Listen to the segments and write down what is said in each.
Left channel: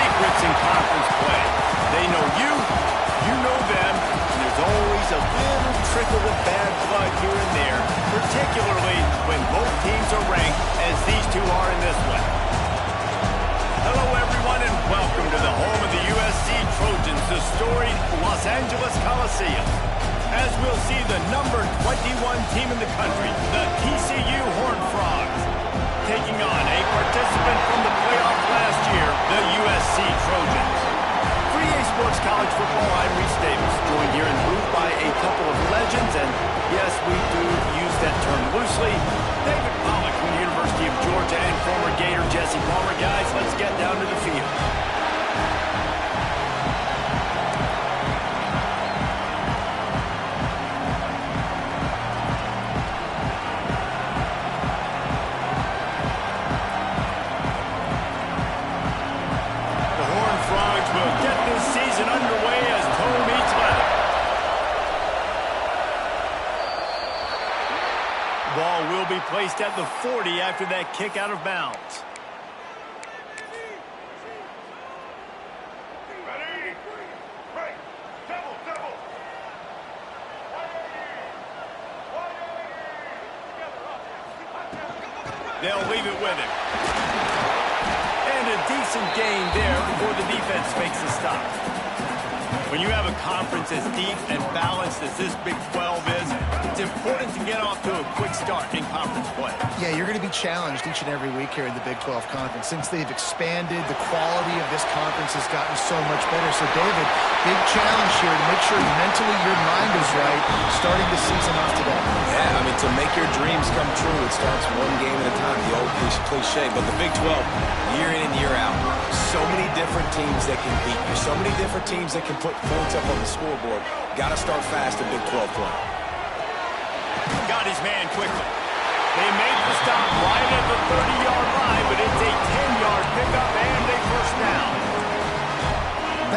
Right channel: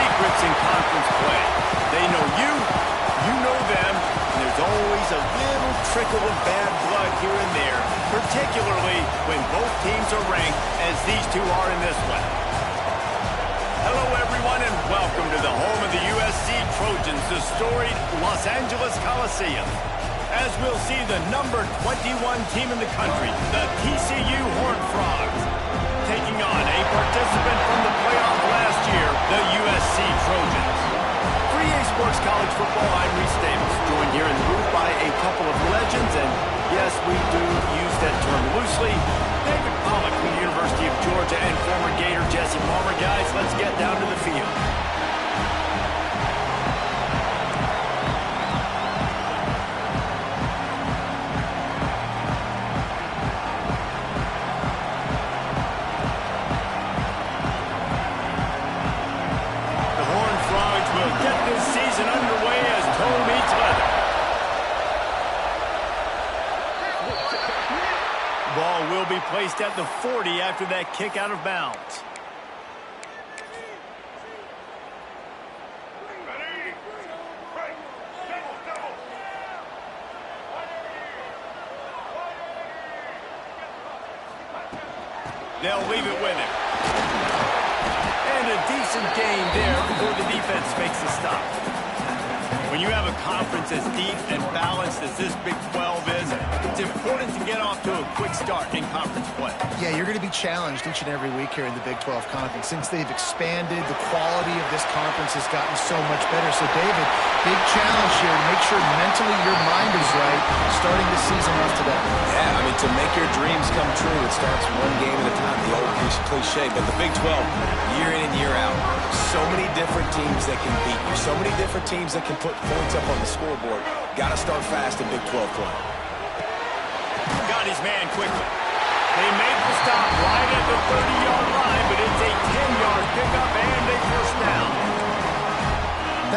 secrets in conference play. They know you, you know them, and there's always a little trickle of bad blood here and there, particularly when both teams are ranked as these two are in this one. Hello, everyone, and welcome to the home of the USC Trojans, the storied Los Angeles Coliseum. As we'll see the number 21 team in the country, the TCU Horned Frogs, taking on a participant from the playoff last year, the USC Trojans. For EA Sports College Football, I'm Reese Davis, joined here in the booth by a couple of legends, and yes, we do use that term loosely. David Pollack from the University of Georgia and former Gator Jesse Palmer. Guys, let's get down to the field. The Horned Frogs will get this season underway as toe meets leather. Ball will be placed at the 40 after that kick out of bounds. They'll leave it with him. And a decent gain there before the defense makes the stop. When you have a conference as deep and balanced as this Big 12 is, it's important to get off to a quick start in conference play. Yeah, you're going to be challenged each and every week here in the Big 12 Conference. Since they've expanded, the quality of this conference has gotten so much better. So, David, big challenge here to make sure mentally your mind is right starting the season off today. Yeah, I mean, to make your dreams come true, it starts one game at a time, the old cliche. But the Big 12, year in and year out, so many different teams that can beat you, so many different teams that can put points up on the scoreboard. Got to start fast in Big 12 play. Got his man quickly. They made the stop right at the 30-yard line, but it's a 10-yard pickup and a first down.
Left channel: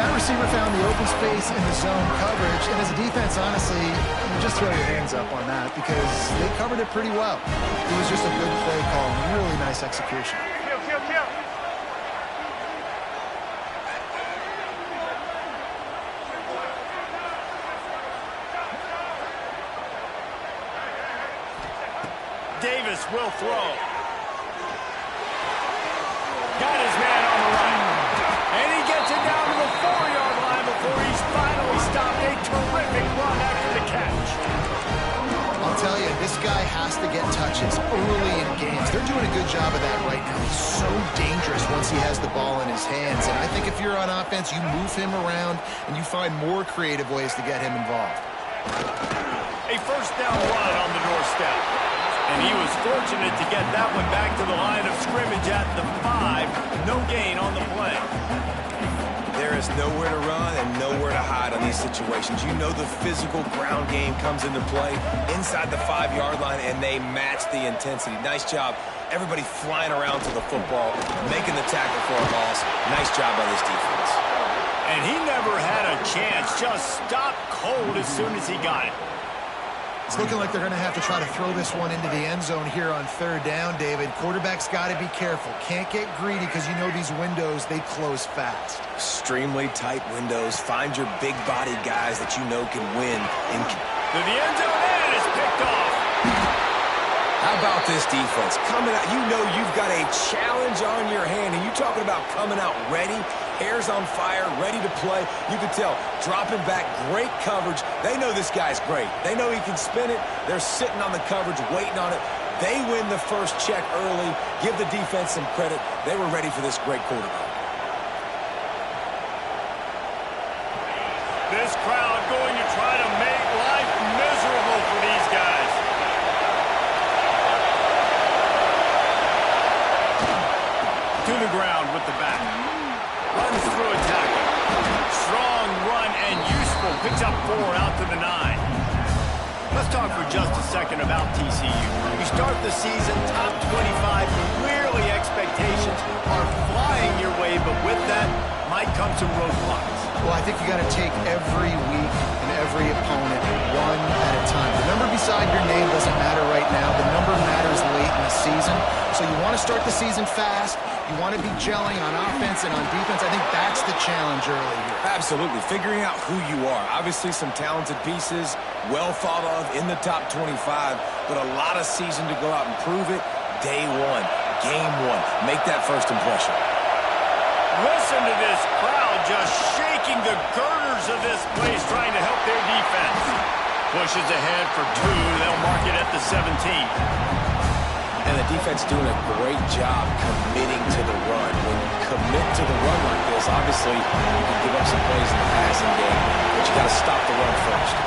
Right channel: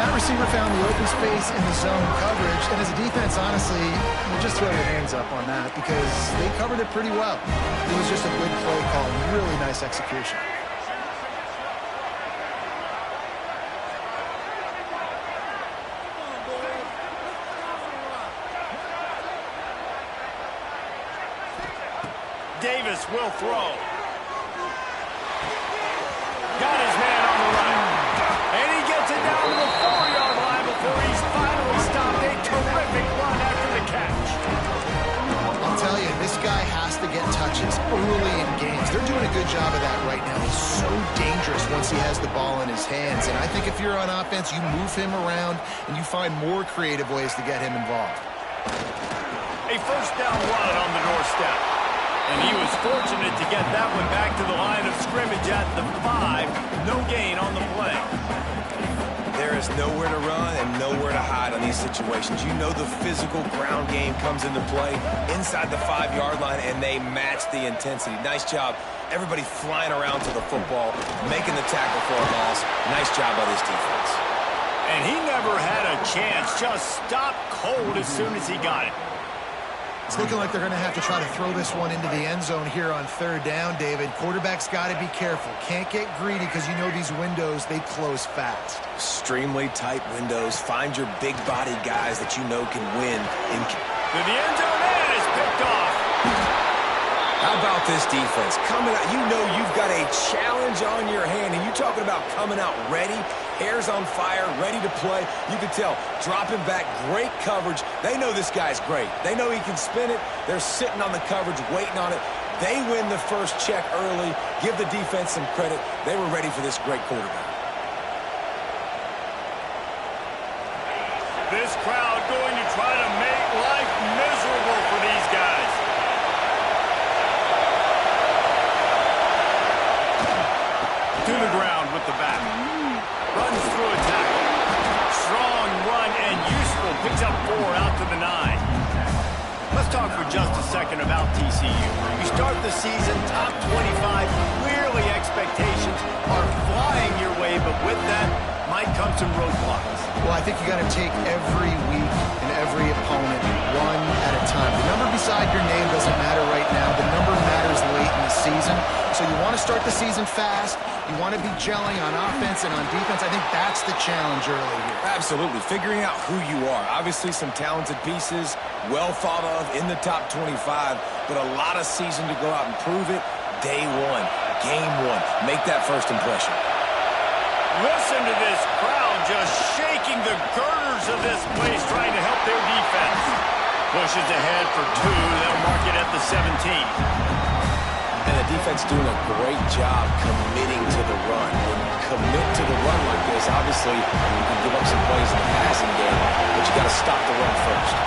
That receiver found the open space in the zone coverage, and as a defense, honestly, you just throw your hands up on that because they covered it pretty well. It was just a good play call and really nice execution. Davis will throw. Got his man on the right. And he gets it down to the 4-yard line before he's finally stopped. A terrific run after the catch. I'll tell you, this guy has to get touches early in games. They're doing a good job of that right now. He's so dangerous once he has the ball in his hands. And I think if you're on offense, you move him around and you find more creative ways to get him involved. A first down run on the doorstep. And he was fortunate to get that one back to the line of scrimmage at the 5. No gain on the play. There is nowhere to run and nowhere to hide on these situations. You know the physical ground game comes into play inside the 5-yard line, and they match the intensity. Nice job. Everybody flying around to the football, making the tackle for a loss. Nice job by this defense. And he never had a chance. Just stopped cold as soon as he got it. It's looking like they're going to have to try to throw this one into the end zone here on third down, David. Quarterback's got to be careful. Can't get greedy because you know these windows, they close fast. Extremely tight windows. Find your big-bodied guys that you know can win. To the end zone, and it's picked off. How about this defense? Coming out, you know you've got a challenge on your hand, and you're talking about coming out ready, hair's on fire, ready to play. You can tell, dropping back, great coverage. They know this guy's great. They know he can spin it. They're sitting on the coverage, waiting on it. They win the first check early. Give the defense some credit. They were ready for this great quarterback. This crowd going to try to make life miserable for these guys. To the ground with the back. Runs through a tackle. Strong run and useful. Picks up 4 out to the 9. Let's talk for just a second about TCU. You start the season top 25. Clearly expectations are flying your way, but with that, might come some roadblocks. Well, I think you got to take every week and every opponent one at a time. The number beside your name doesn't matter right now. The number matters late in the season. So you want to start the season fast. You want to be gelling on offense and on defense. I think that's the challenge early here. Absolutely. Figuring out who you are. Obviously some talented pieces, well thought of in the top 25, but a lot of season to go out and prove it. Day one, game one. Make that first impression. Listen to this crowd just shaking the girders of this place trying to help their defense. Pushes ahead for 2. They'll mark it at the 17. And the defense doing a great job committing to the run. When you commit to the run like this, obviously you can give up some plays in the passing game, but you got to stop the run first.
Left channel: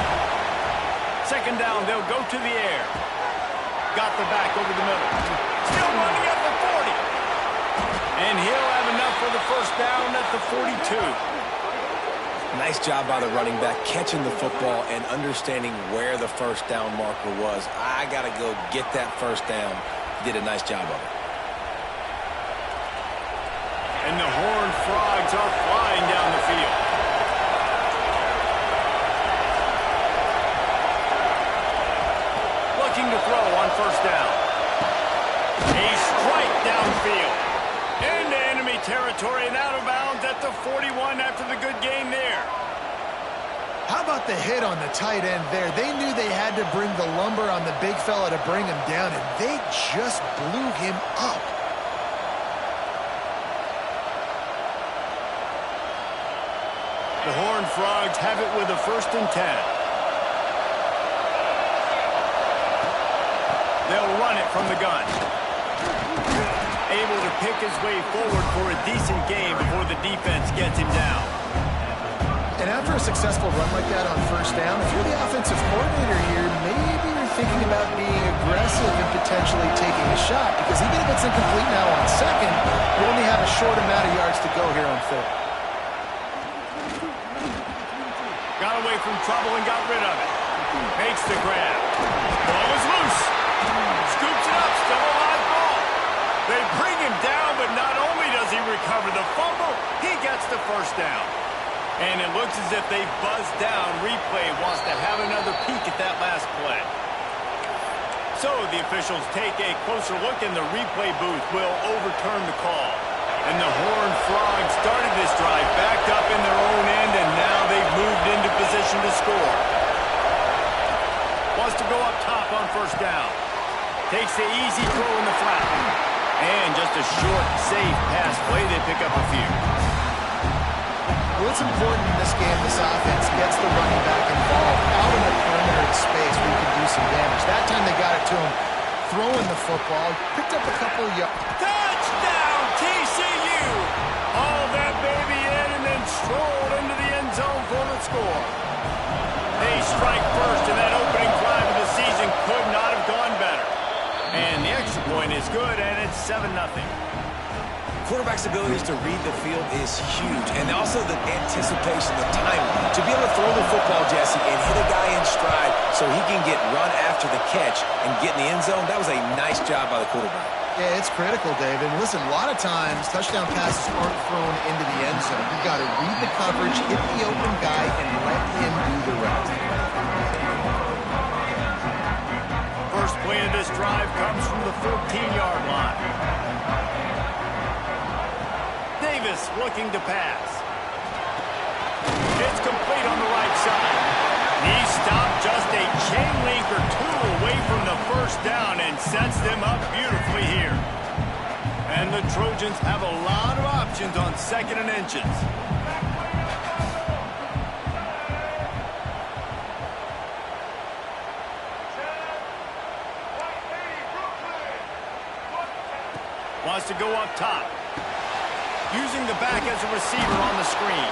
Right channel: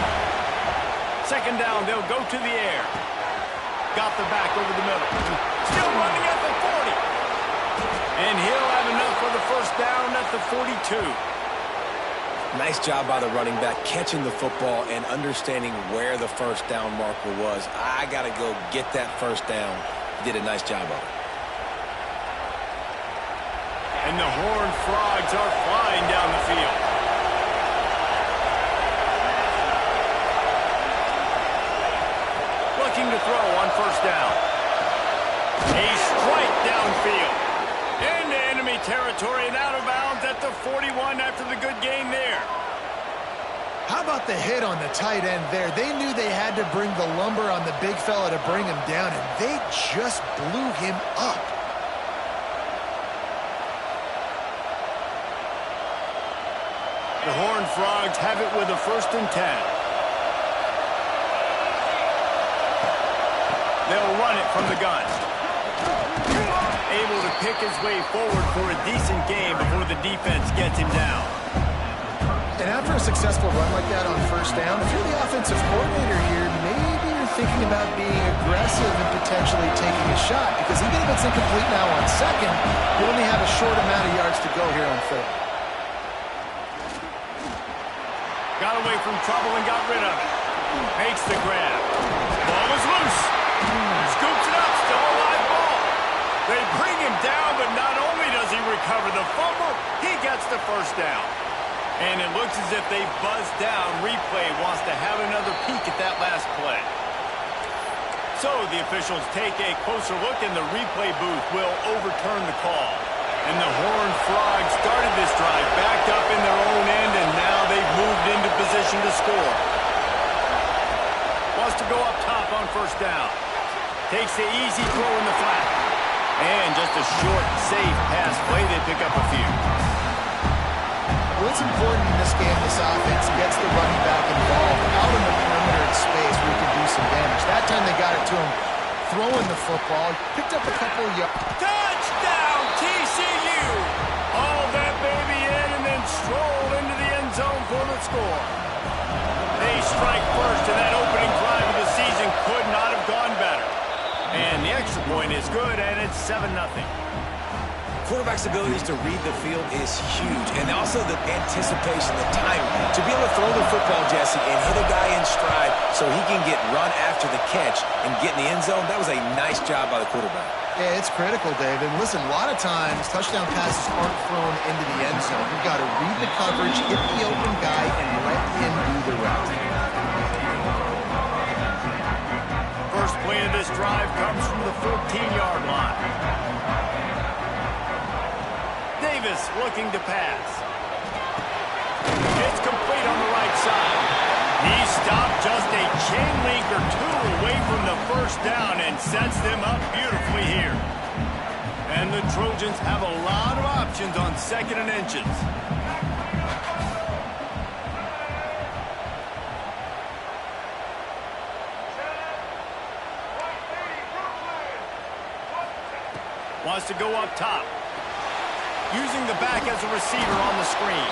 Second down, they'll go to the air. Got the back over the middle. Still running at the 40. And he'll have enough for the first down at the 42. Nice job by the running back, catching the football and understanding where the first down marker was. I got to go get that first down. He did a nice job of it. And the Horned Frogs are flying down the field. Looking to throw on first down. A strike downfield. Into enemy territory and out of bounds at the 41 after the good gain there. How about the hit on the tight end there? They knew they had to bring the lumber on the big fella to bring him down, and they just blew him up. The Horned Frogs have it with a 1st and 10. They'll run it from the gun. Able to pick his way forward for a decent game before the defense gets him down. And after a successful run like that on first down, if you're the offensive coordinator here, maybe you're thinking about being aggressive and potentially taking a shot, because even if it's incomplete now on second, you only have a short amount of yards to go here on third. Got away from trouble and got rid of it. Makes the grab. Ball is loose. Scoops it up. Still a live ball. They bring him down, but not only does he recover the fumble, he gets the first down. And it looks as if they buzzed down. Replay wants to have another peek at that last play. So the officials take a closer look, and the replay booth will overturn the call. And the Horned Frogs started this drive backed up in their own end, and now they've moved into position to score. Wants to go up top on first down. Takes the easy throw in the flat. And just a short, safe pass play. They pick up a few. Well, it's important in this game, this offense gets the running back involved out in the perimeter of space where he can do some damage. That time they got it to him throwing the football. Picked up a couple of yards. Touchdown, TCU! Hauled that baby in and then strolled into the end zone for the score. They strike first, and that opening drive of the season could not have gone better. And the extra point is good, and it's 7-0. Quarterback's abilities to read the field is huge, and also the anticipation, the timing. To be able to throw the football, Jesse, and hit a guy in stride so he can get run after the catch and get in the end zone, that was a nice job by the quarterback. Yeah, it's critical, Dave. And listen, a lot of times touchdown passes aren't thrown into the end zone. You've got to read the coverage, hit the open guy, and let him do the rest. First play of this drive comes from the 14-yard line. Davis looking to pass. It's complete on the right side. He stopped just a chain link or two away from the first down and sets them up beautifully here. And the Trojans have a lot of options on 2nd and inches. Wants to go up top. Using the back as a receiver on the screen.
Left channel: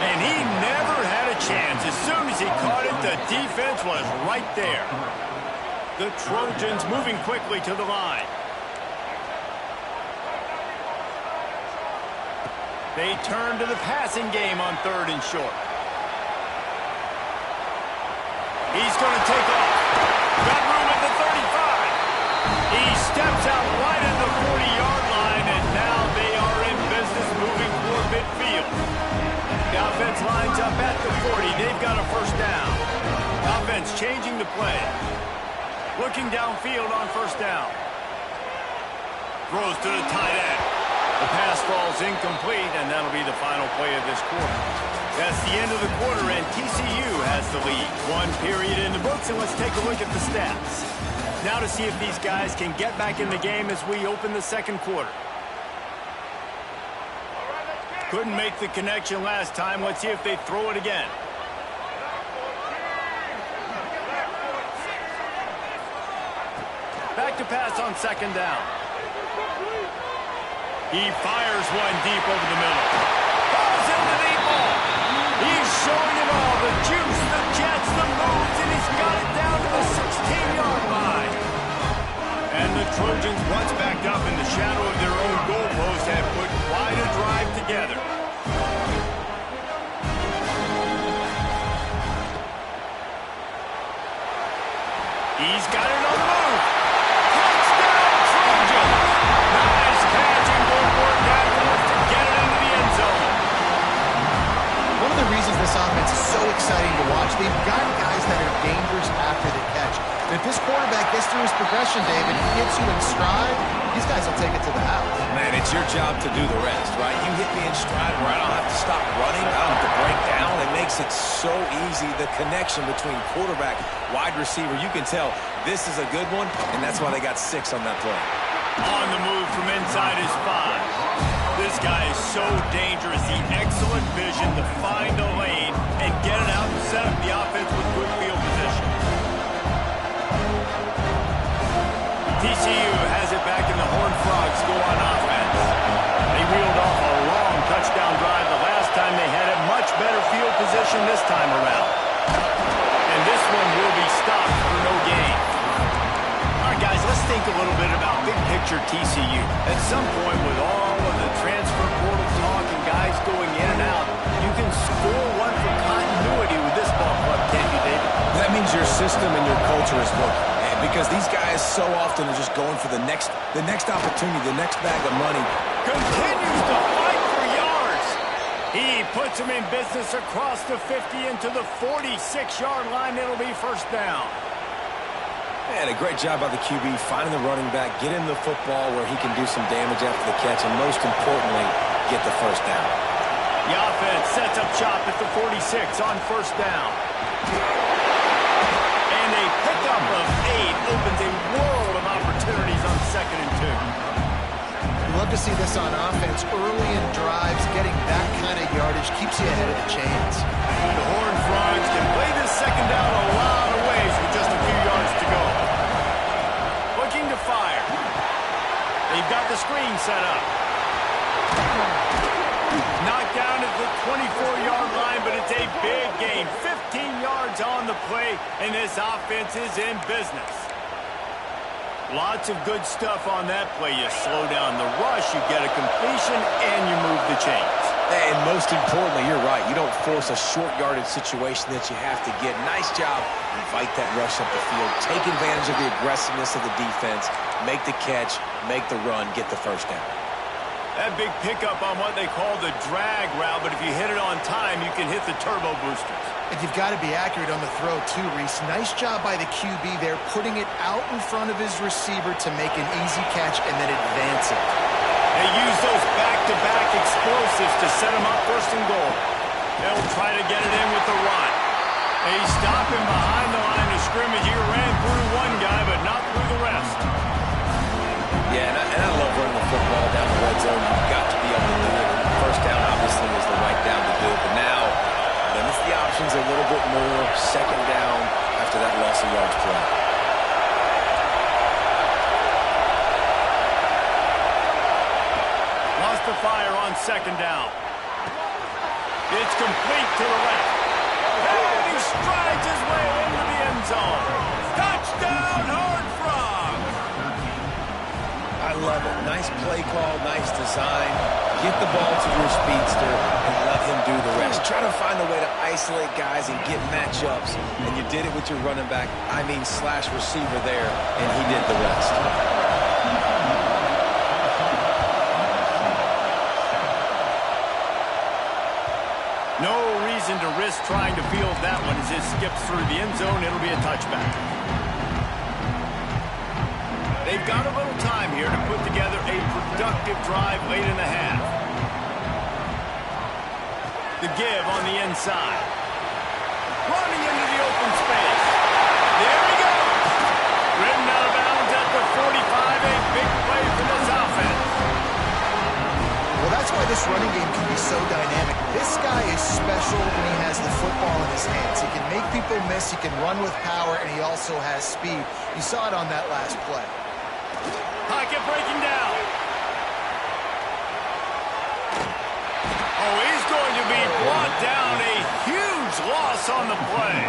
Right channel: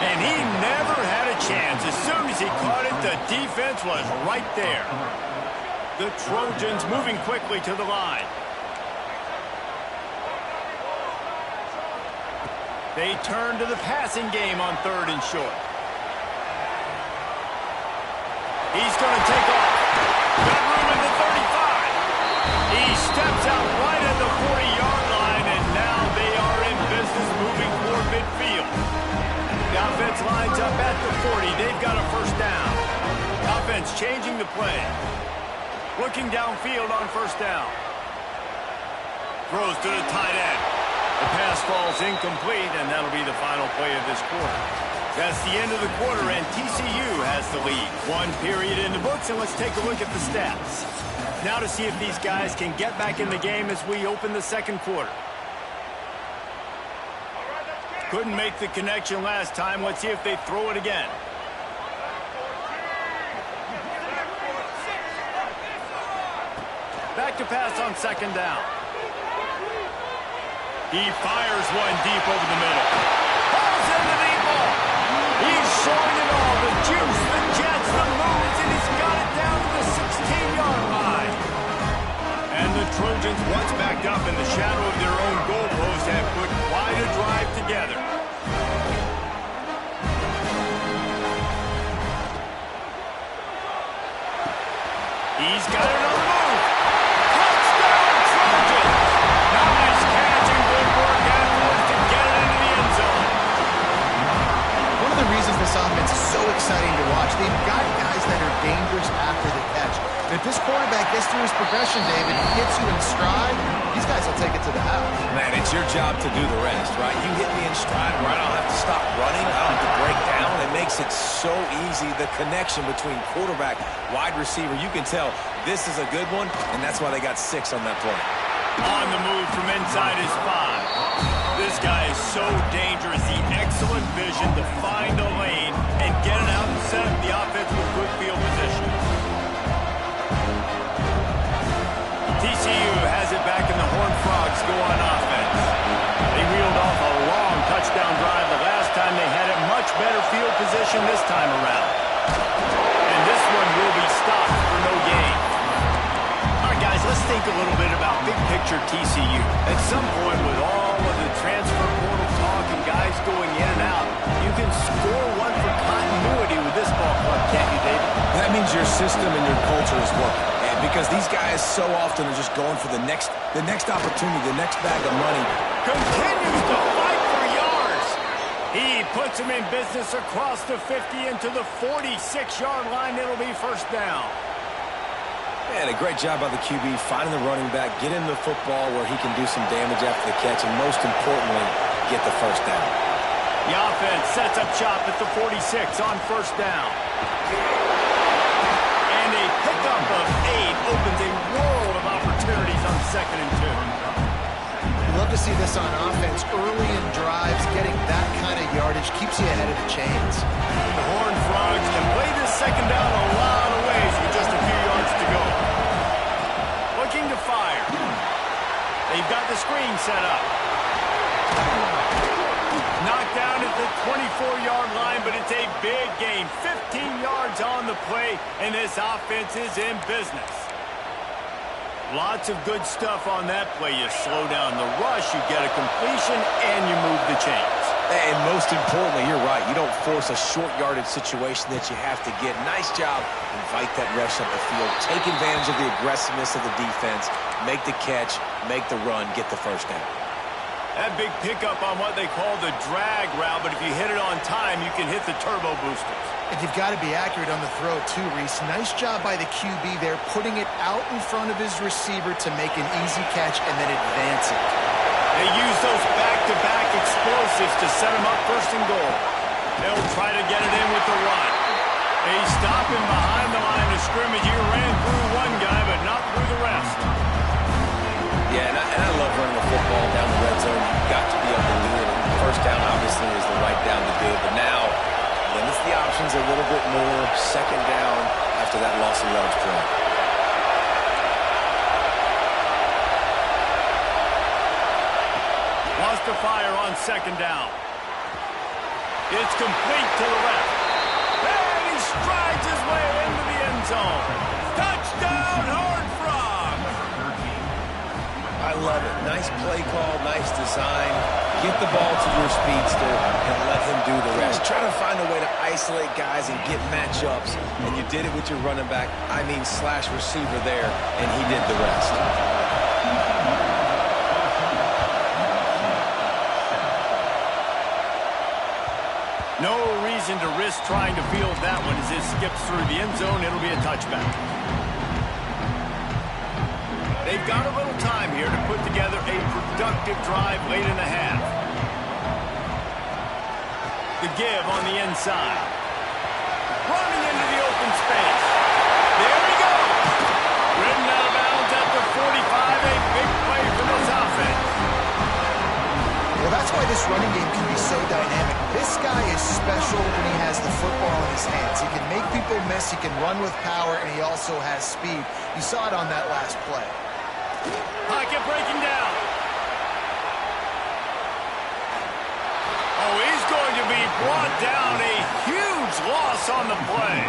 And he never had a chance. As soon as he caught it, the defense was right there. The Trojans moving quickly to the line. They turn to the passing game on 3rd and short. He's going to take off. Got room at the 35. He steps out right at the 40-yard line, and now they are in business moving toward midfield. offense lines up at the 40. They've got a first down. Offense changing the play. Looking downfield on first down. Throws to the tight end. The pass falls incomplete, and that'll be the final play of this quarter. That's the end of the quarter, and TCU has the lead. 1 period in the books, and let's take a look at the stats. Now to see if these guys can get back in the game as we open the second quarter. Couldn't make the connection last time. Let's see if they throw it again. Back to pass on second down. He fires one deep over the middle. Falls in the deep ball. He's showing it all. The juice, the jets, the moves, and he's got it down to the 16-yard line. And the Trojans, once backed up in the shadow of their own goalpost, have put quite a drive together. He's got it on the move. Touchdown, Trojans! Nice catch and good work afterwards to get it into the end zone. One of the reasons this offense is so exciting to watch, they've got guys that are dangerous after the catch. And if this quarterback gets through his progression, David, he gets you in stride, these guys will take it to the house. Man, it's your job to do the rest, right? You hit me in stride where I don't have to stop running. I don't have to break down. It makes it so easy. The connection between quarterback, wide receiver, you can tell this is a good one, and that's why they got 6 on that play. On the move from inside his 5. This guy is so dangerous. The excellent vision to find a lane and get it out and set up the offense with good field position. TCU has it back and the Horned Frogs go on offense. They reeled off a long touchdown drive the last time they had it. Much better field position this time around. And this one will be stopped for no gain. All right, guys, let's think a little bit about big picture TCU. At some point, with all of the transfer portal talk and guys going in and out, you can score one for continuity with this ball club, can't you, David? That means your system and your culture is working. Because these guys so often are just going for the next opportunity, the next bag of money. Continues to fight for yards. He puts him in business across the 50 into the 46-yard line. It'll be first down. Man, a great job by the QB finding the running back, get him the football where he can do some damage after the catch, and most importantly, get the first down. The offense sets up shop at the 46 on first down. And a pickup of 8 opens a world of opportunities on 2nd and 2. You love to see this on offense. Early in drives, getting that kind of yardage keeps you ahead of the chains. The Horned Frogs can play this second down a lot of ways with just a few yards to go. Looking to fire. They've got the screen set up. Knocked down at the 24-yard line, but it's a big gain. 15 yards on the play, and this offense is in business. Lots of good stuff on that play. You slow down the rush, you get a completion, and you move the chains. And most importantly, you're right. You don't force a short yardage situation that you have to get. Nice job. Invite that rush up the field. Take advantage of the aggressiveness of the defense. Make the catch, make the run, get the first down. That big pickup on what they call the drag route, but if you hit it on time, you can hit the turbo boosters. And you've got to be accurate on the throw, too, Reese. Nice job by the QB there, putting it out in front of his receiver to make an easy catch and then advance it. They use those back-to-back explosives to set him up first and goal. They'll try to get it in with the run. They stop him behind the line of scrimmage. He ran through one guy, but not through the rest. Yeah, and I love running the football down the red zone. You've got to be able to do it. And first down, obviously, is the right down to do it. But now, limits the options a little bit more. Second down after that loss of yards play. Wants to fire on second down. It's complete to the left. And he strides his way into the end zone. Touchdown, Horned Frogs! I love it. Nice play call, nice design. Get the ball to your speedster and let him do the rest. Try to find a way to isolate guys and get matchups, and you did it with your running back, slash receiver there, and he did the rest. No reason to risk trying to field that one as it skips through the end zone. It'll be a touchback. They've got a little time here to put together a productive drive late in the half. The give on the inside. Running into the open space. There he goes. Ridden out of bounds at the 45. A big play for this offense. Well, that's why this running game can be so dynamic. This guy is special when he has the football in his hands. He can make people miss, he can run with power, and he also has speed. You saw it on that last play. Pocket breaking down. Oh, he's going to be brought down. A huge loss on the play.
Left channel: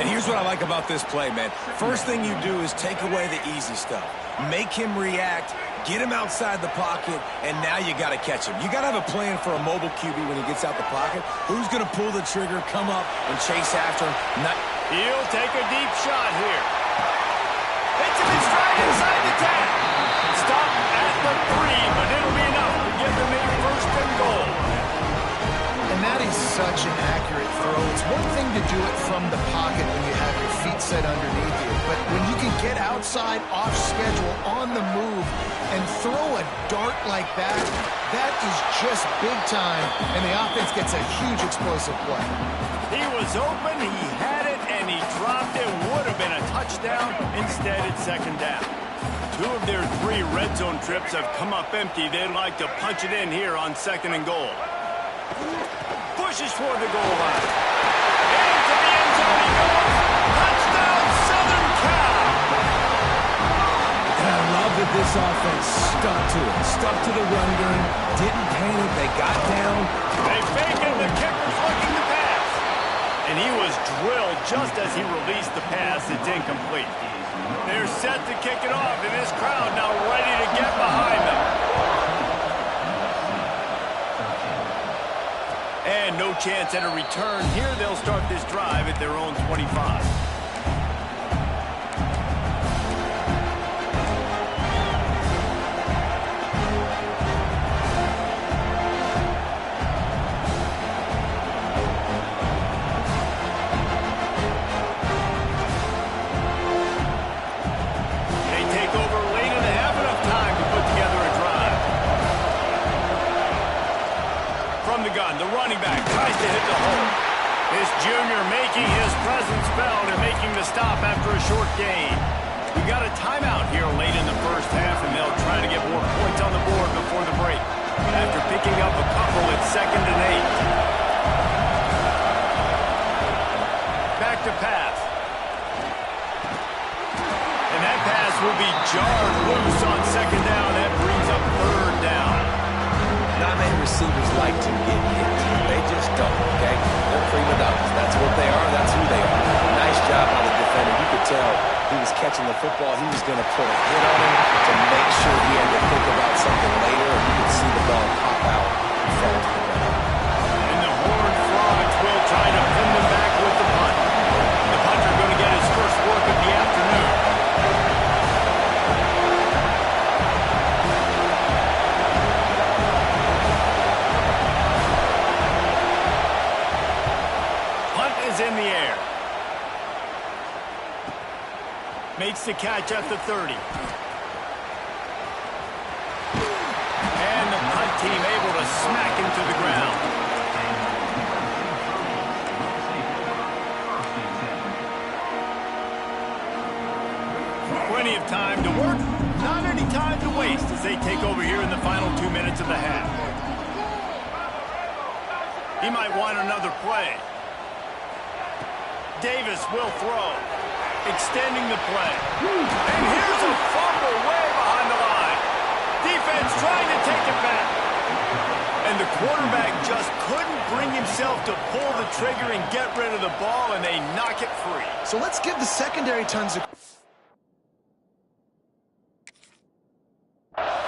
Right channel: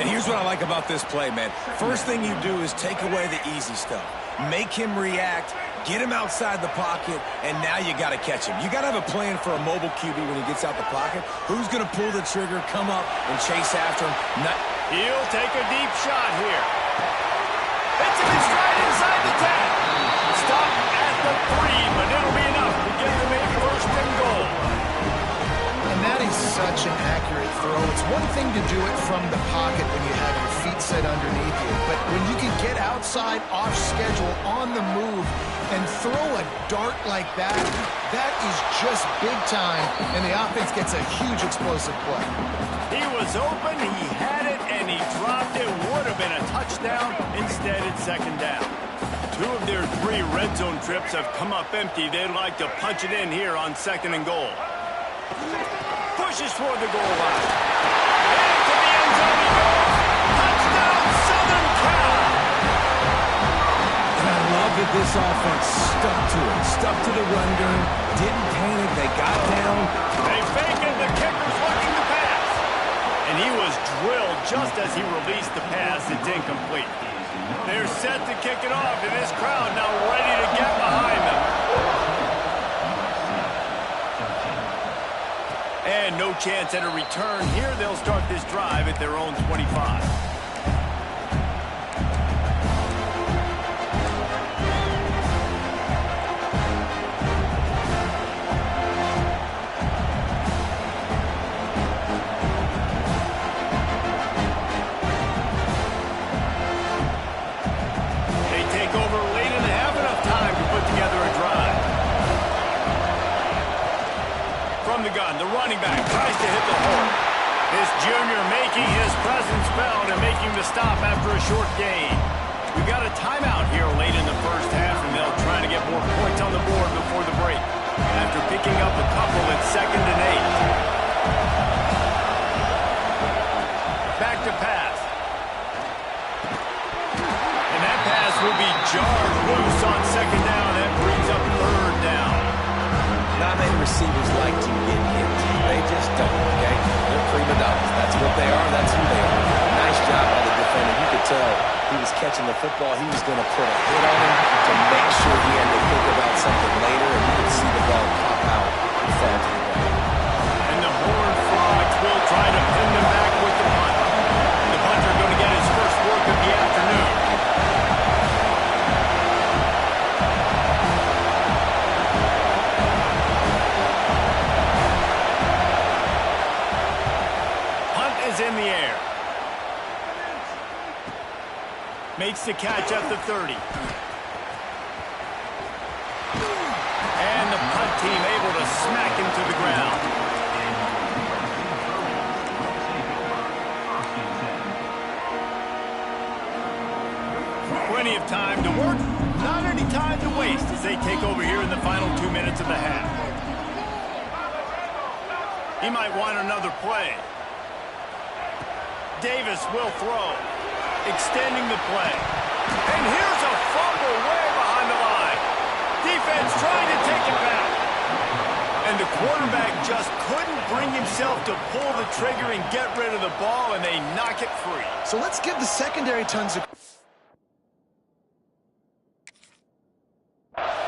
And here's what I like about this play, man. First thing you do is take away the easy stuff. Make him react, get him outside the pocket, and now you got to catch him. You got to have a plan for a mobile QB when he gets out the pocket. Who's going to pull the trigger, come up, and chase after him? He'll take a deep shot here. Hits him in stride inside the 10. Stop at the 3, but it'll be enough to give them a first and goal. And that is such an accurate throw. It's one thing to do it from the pocket when you have your feet set underneath you, but when you can get outside, off schedule, on the move, and throw a dart like that, that is just big time, and the offense gets a huge explosive play. He was open, he had it, and he dropped it. Would have been a touchdown. Instead, it's second down. 2 of their 3 red zone trips have come up empty. They'd like to punch it in here on second and goal. Pushes toward the goal line. Into the end zone he goes. Touchdown, Southern Cal. And I love that this offense stuck to it. Stuck to the run game. Didn't panic. They got down. They fake it. The kicker's looking to pass. And he was drilled just as he released the pass. It's incomplete. They're set to kick it off, and this crowd now ready to get behind them. And no chance at a return here. They'll start this drive at their own 25. They take over late in the half, enough time to put together a drive. From the gun, the running back tries to hit the hole. This junior making his presence felt and making the stop after a short gain. We've got a timeout here late in the first half, and they'll try to get more points on the board before the break. After picking up a couple, it's 2nd and 8. Back to pass. And that pass will be jarred loose on second down. That brings up third down. Not many receivers like to get hit. They just don't, okay? They're prima donnas. That's what they are. That's who they are. Nice job by the defender. You could tell he was catching the football. He was going to put a hit on him to make sure he had to think about something later, and you could see the ball pop out and fall to the ground. And the Horned Frogs will try to pin them back with the punt. The punter going to get his first work of the afternoon. Is in the air. Makes the catch at the 30. And the punt team able to smack him to the ground. Plenty of time to work, not any time to waste as they take over here in the final 2 minutes of the half. He might want another play. Davis will throw, extending the play. And here's a fumble way behind the line. Defense trying to take it back. And the quarterback just couldn't bring himself to pull the trigger and get rid of the ball, and they knock it free. So let's give the secondary tons of...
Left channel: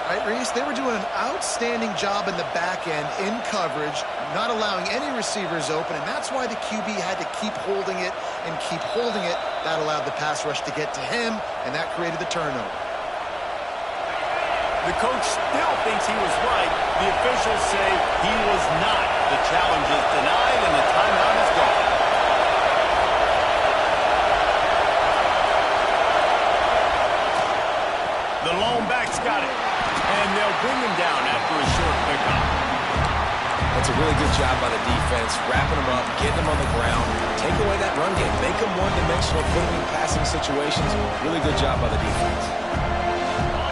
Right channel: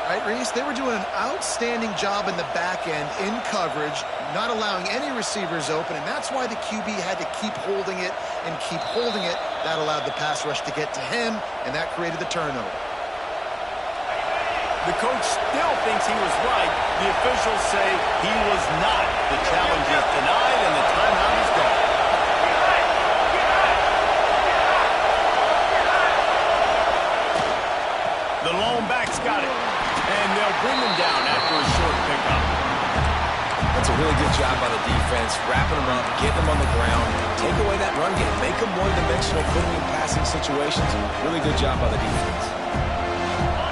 Right, Reese? They were doing an outstanding job in the back end, in coverage, not allowing any receivers open, and that's why the QB had to keep holding it and keep holding it. That allowed the pass rush to get to him, and that created the turnover. The coach still thinks he was right. The officials say he was not. The challenge is denied, and the timeout is gone. The lone back's got it, and they'll bring him down after a short pickup. That's a really good job by the defense, wrapping them up, getting them on the ground, take away that run game, make them one-dimensional, put them in passing situations. Really good job by the defense.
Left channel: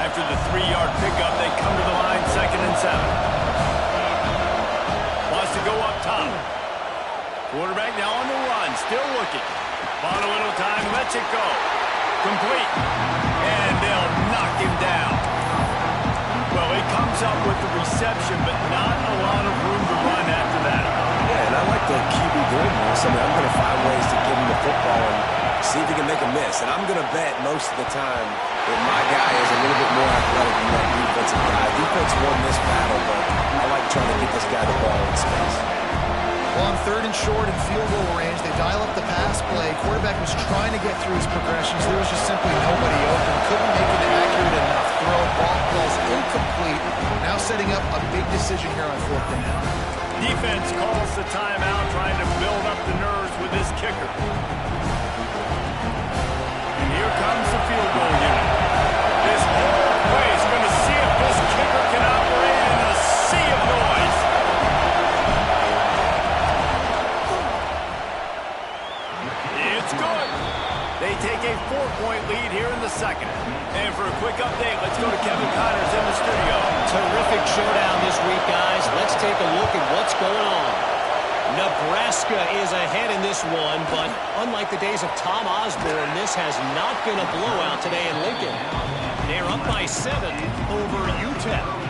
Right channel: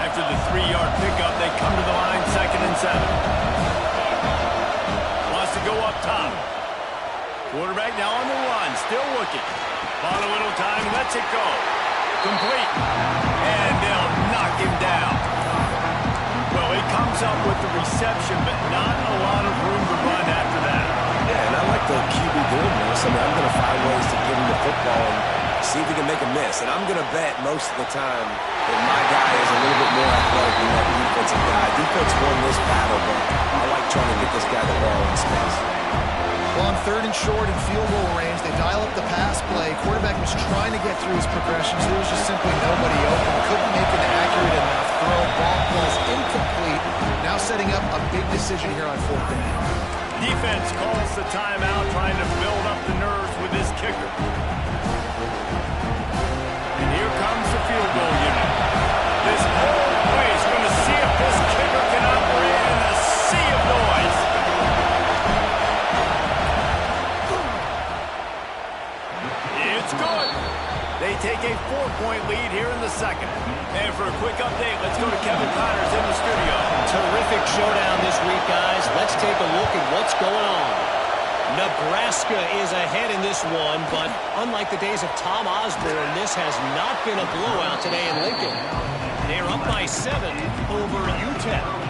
After the 3-yard pickup, they come to the line, 2nd and 7. Wants to go up top. Quarterback now on the run, still looking. Bought a little time, lets it go. Complete. And they'll knock him down. Well, he comes up with the reception, but not a lot of room to run after that. Yeah, and I like the QB doing this. I mean, I'm going to find ways to get him the football and see if he can make a miss. And I'm going to bet most of the time that my guy is a little bit more athletic than that defensive guy. Defense won this battle, but I like trying to get this guy the ball in space. Well, on 3rd and short and field goal range, they dial up the pass play. Quarterback was trying to get through his progressions. There was just simply nobody open. Couldn't make an accurate enough throw. Ball's incomplete. Now setting up a big decision here on 4th down. Defense calls the timeout, trying to build up the nerves with this kicker. And here comes the field goal unit. This whole play is going to see if this kicker can operate in a sea of noise. It's good. They take a 4-point lead here in the 2nd. And for a quick update, let's go to Kevin Connors in the studio. Terrific showdown this week, guys. Let's take a look at what's going on. Nebraska is ahead in this one, but unlike the days of Tom Osborne, this has not been a blowout today in Lincoln. They're up by 7 over UTEP.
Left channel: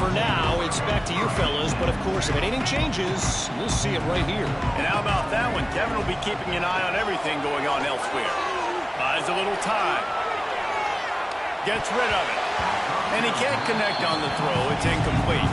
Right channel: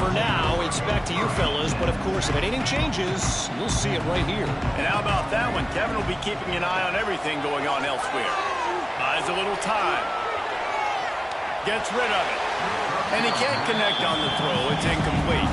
For now, it's back to you fellas, but of course, if anything changes, you'll see it right here. And how about that one? Kevin will be keeping an eye on everything going on elsewhere. Buys a little time. Gets rid of it. And he can't connect on the throw. It's incomplete.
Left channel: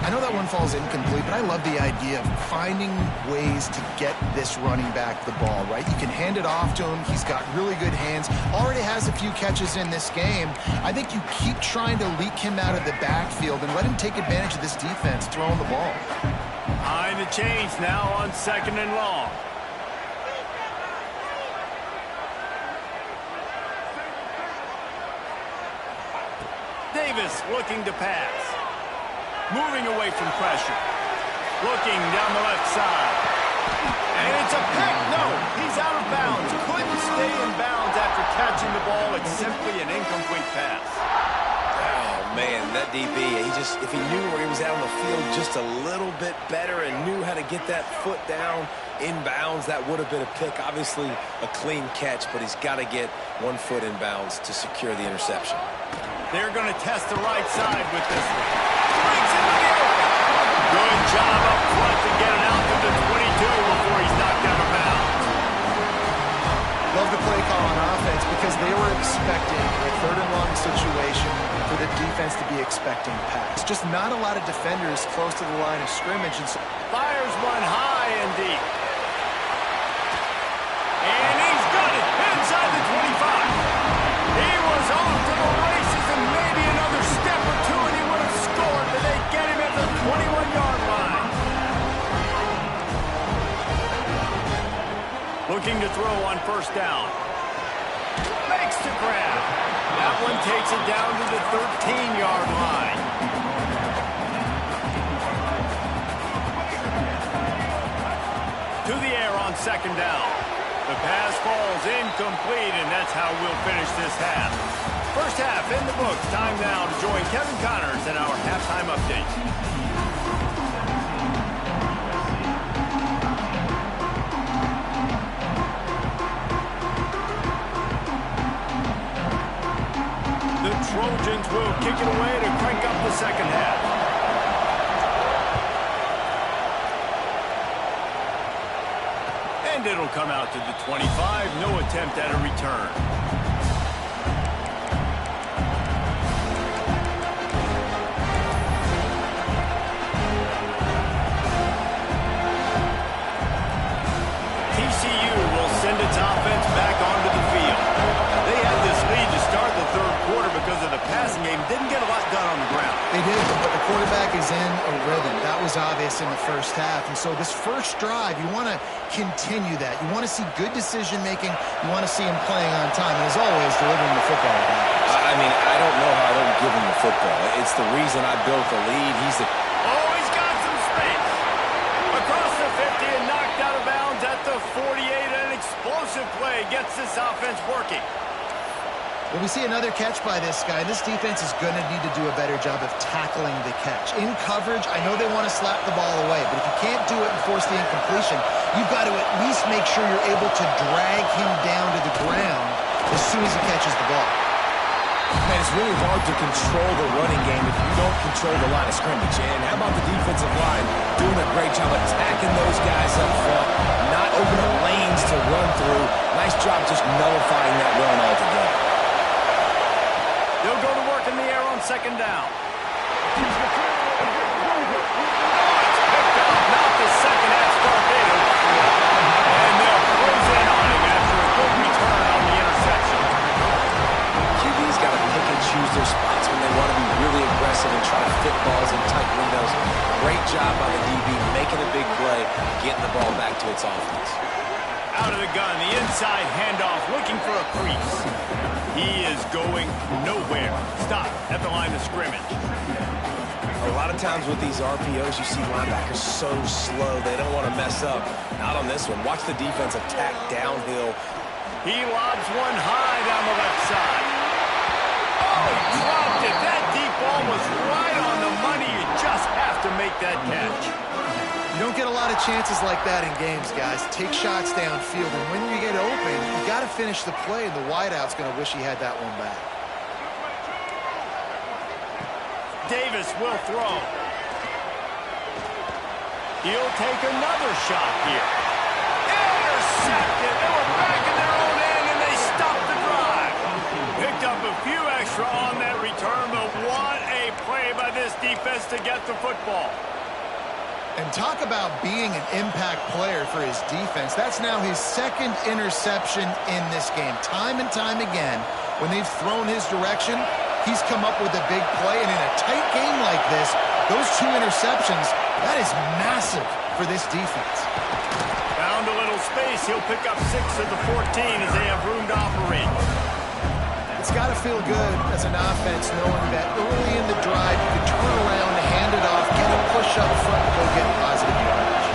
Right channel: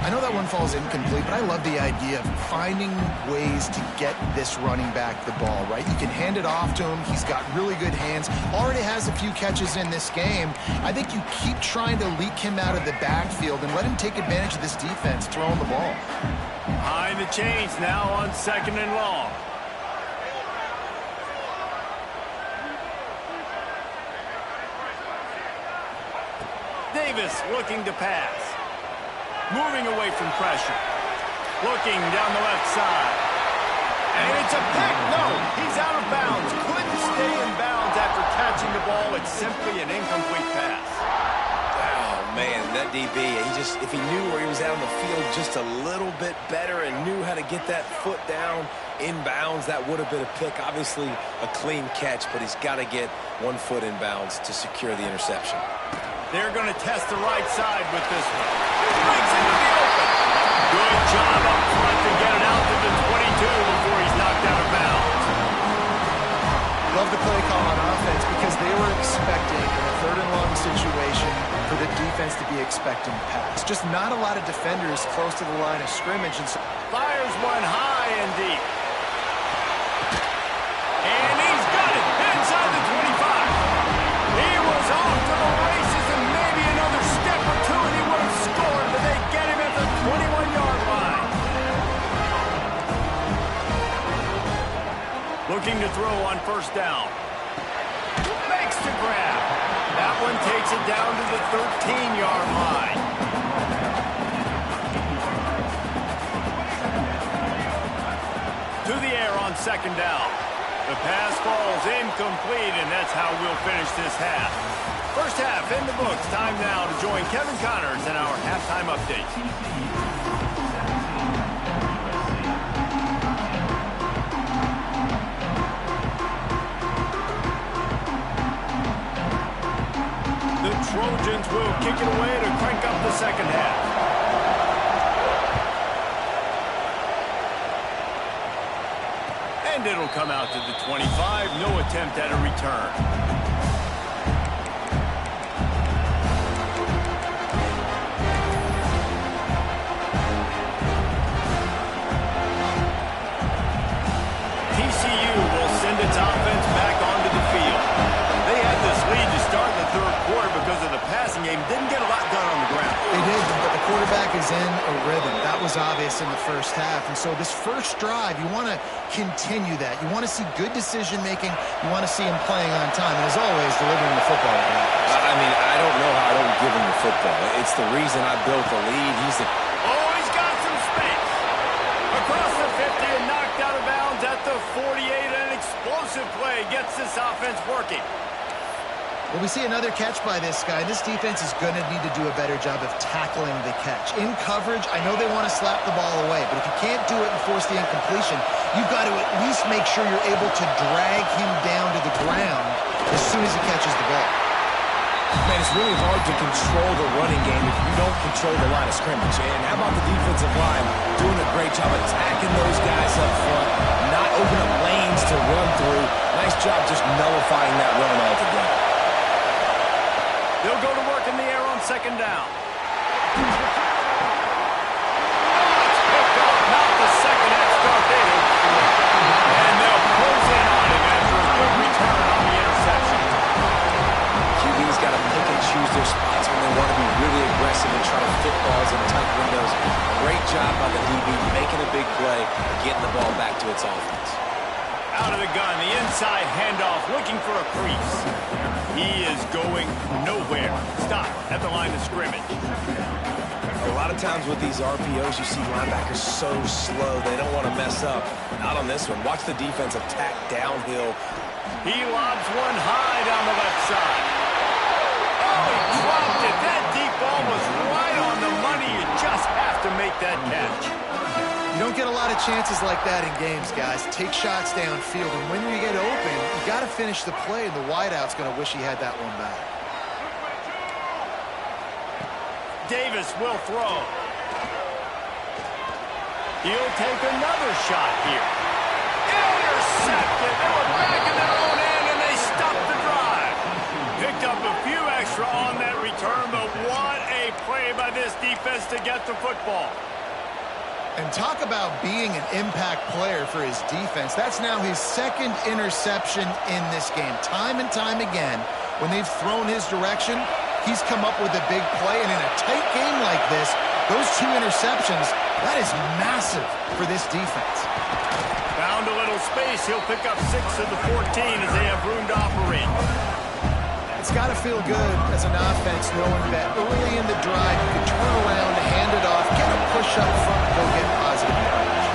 I know that one falls incomplete, but I love the idea of finding ways to get this running back the ball, right? You can hand it off to him. He's got really good hands. Already has a few catches in this game. I think you keep trying to leak him out of the backfield and let him take advantage of this defense throwing the ball. Behind the chains now on 2nd and long. Davis looking to pass. Moving away from pressure. Looking down the left side. And it's a pick. No, he's out of bounds. Couldn't stay in bounds after catching the ball. It's simply an incomplete pass. Oh, man, that DB, if he knew where he was out on the field just a little bit better and knew how to get that foot down in bounds, that would have been a pick. Obviously, a clean catch, but he's got to get 1 foot in bounds to secure the interception. They're going to test the right side with this one. Breaks into the open. Good job up front to get it out to the 22 before he's knocked out of bounds. Love the play call on offense because they were expecting in a 3rd and long situation for the defense to be expecting pass. Just not a lot of defenders close to the line of scrimmage. And so fires one high and deep. And he's got it inside the 25. He was off to the races and maybe another step or two and he would have scored, but they get him at the 21-yard line. Looking to throw on 1st down. Makes the grab. That one takes it down to the 13-yard line. To the air on 2nd down. The pass falls incomplete, and that's how we'll finish this half. First half in the books. Time now to join Kevin Connors in our halftime update. The Trojans will kick it away to crank up the 2nd half. And it'll come out to the 25. No attempt at a return. TCU will send its offense back onto the field. They had this lead to start the third quarter because of the passing game. Didn't get a lot done on the ground. They did, but the quarterback is in a rhythm. That was obvious in the first half. And so this first drive, you want to continue that. You want to see good decision-making. You want to see him playing on time. And as always, delivering the football back. I mean, I don't know how I don't give him the football. It's the reason I built the lead. Oh, he's got some space. Across the 50 and knocked out of bounds at the 48. An explosive play gets this offense working. Well, we see another catch by this guy. This defense is going to need to do a better job of tackling the catch. In coverage, I know they want to slap the ball away, but if you can't do it and force the incompletion, you've got to at least make sure you're able to drag him down to the ground as soon as he catches the ball. Man, it's really hard to control the running game if you don't control the line of scrimmage. And how about the defensive line doing a great job attacking those guys up front, not open up lanes to run through. Nice job just nullifying that run altogether. They'll go to work in the air on second down. Oh, it's picked off. Not the second half start they don't flip. And they'll close in on him after a good return on the interception. QB's got to pick and choose their spots when they want to be really aggressive and try to fit balls in tight windows. Great job by the DB making a big play, getting the ball back to its offense. Out of the gun, the inside handoff, looking for a crease. He is going nowhere. Stop at the line of scrimmage. A lot of times with these RPOs, you see linebackers so slow, they don't want to mess up. Not on this one. Watch the defense attack downhill. He lobs one high down the left side. Oh, he dropped it. That deep ball was right on the money. You just have to make that catch. You don't get a lot of chances like that in games, guys. Take shots downfield, and when you get open, you got to finish the play, and the wideout's going to wish he had that one back. Davis will throw. He'll take another shot here. Intercepted. They were back in their own end, and they stopped the drive. Picked up a few extra on that return, but what a play by this defense to get the football. And talk about being an impact player for his defense. That's now his second interception in this game. Time and time again, when they've thrown his direction, he's come up with a big play. And in a tight game like this, those two interceptions, that is massive for this defense. Found a little space. He'll pick up 6 of the 14 as they have room to operate. It's got to feel good as an offense knowing that early in the drive you can turn around, hand it off, get a push up front, and go get positive yardage.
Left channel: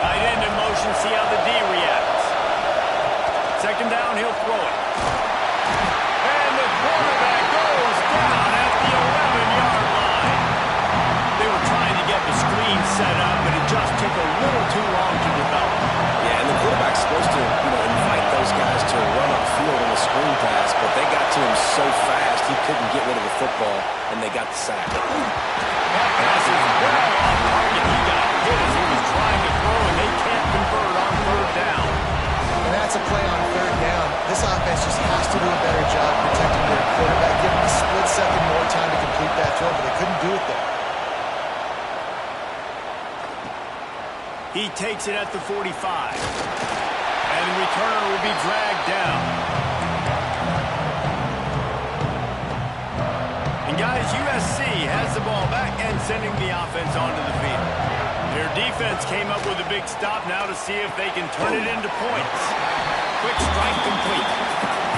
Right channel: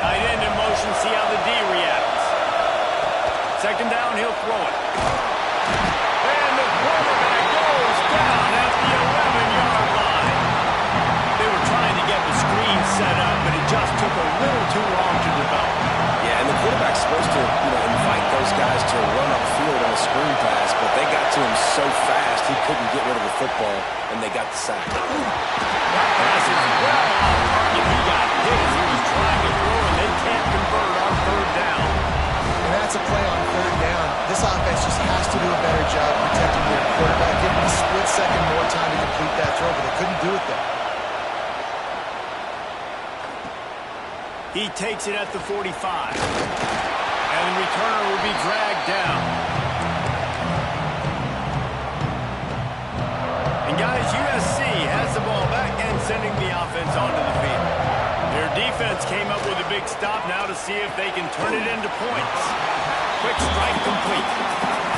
Tight end in motion, see how the D reacts. Second down, he'll throw it. And the quarterback goes down at the 11-yard line. They were trying to get the screen set up, but it just took a little too long to develop. Yeah, and the quarterback's supposed to, invite those guys to run upfield on a screen pass, but they got to him so fast he couldn't get rid of the football, and they got the sack. That pass is well off target. He got hit as he was trying to throw, and they can't convert on third down. And that's a play on third down. This offense just has to do a better job protecting their quarterback, give him a split second more time to complete that throw, but they couldn't do it there. He takes it at the 45. And the returner will be dragged down. And guys, USC has the ball back and sending the offense onto the field. Their defense came up with a big stop now to see if they can turn it into points. Quick strike complete.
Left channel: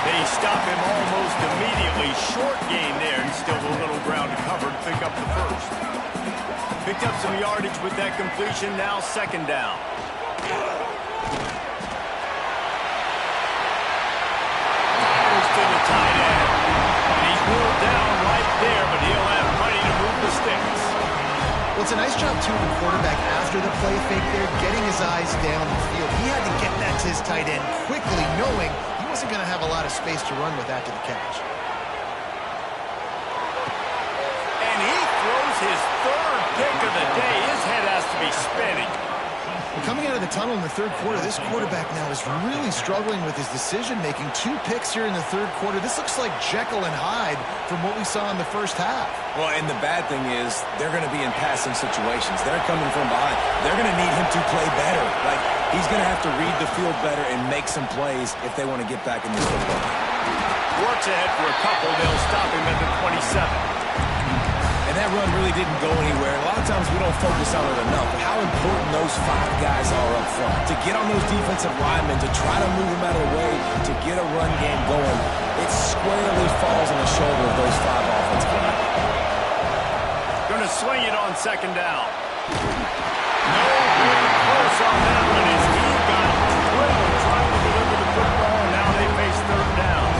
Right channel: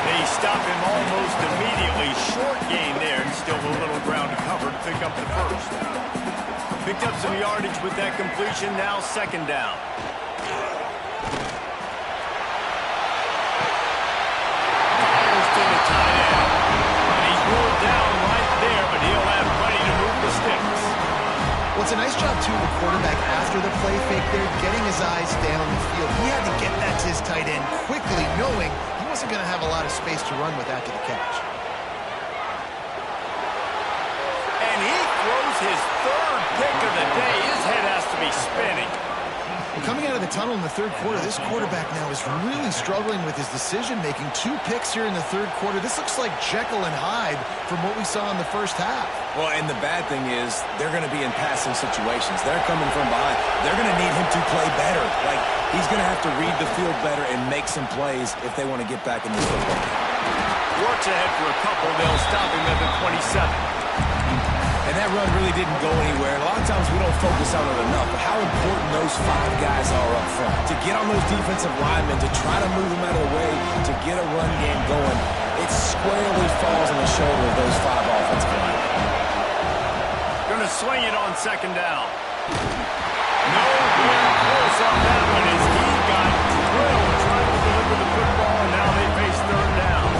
They stop him almost immediately. Short gain there, and still a little ground to cover to pick up the first. Picked up some yardage with that completion, now second down. Fires to the tight end. And he's ruled down right there, but he'll have plenty to move the sticks. Well, it's a nice job, too, the quarterback after the play fake there, getting his eyes down the field. He had to get that to his tight end quickly, knowing he wasn't going to have a lot of space to run with after the catch. And he throws his third pick of the day. His head has to be spinning. Well, coming out of the tunnel in the third quarter, this quarterback now is really struggling with his decision-making. 2 picks here in the third quarter. This looks like Jekyll and Hyde from what we saw in the first half. Well, and the bad thing is they're going to be in passing situations. They're coming from behind. They're going to need him to play better. Like, he's going to have to read the field better and make some plays if they want to get back in this football game. Works ahead for a couple. They'll stop him at the 27. And that run really didn't go anywhere. A lot of times we don't focus on it enough, but how important those 5 guys are up front. To get on those defensive linemen, to try to move them out of the way, to get a run game going, it squarely falls on the shoulder of those 5 offensive linemen. Going to swing it on second down. Nowhere close on that one as he got drilled trying to deliver the football, and now they face third down.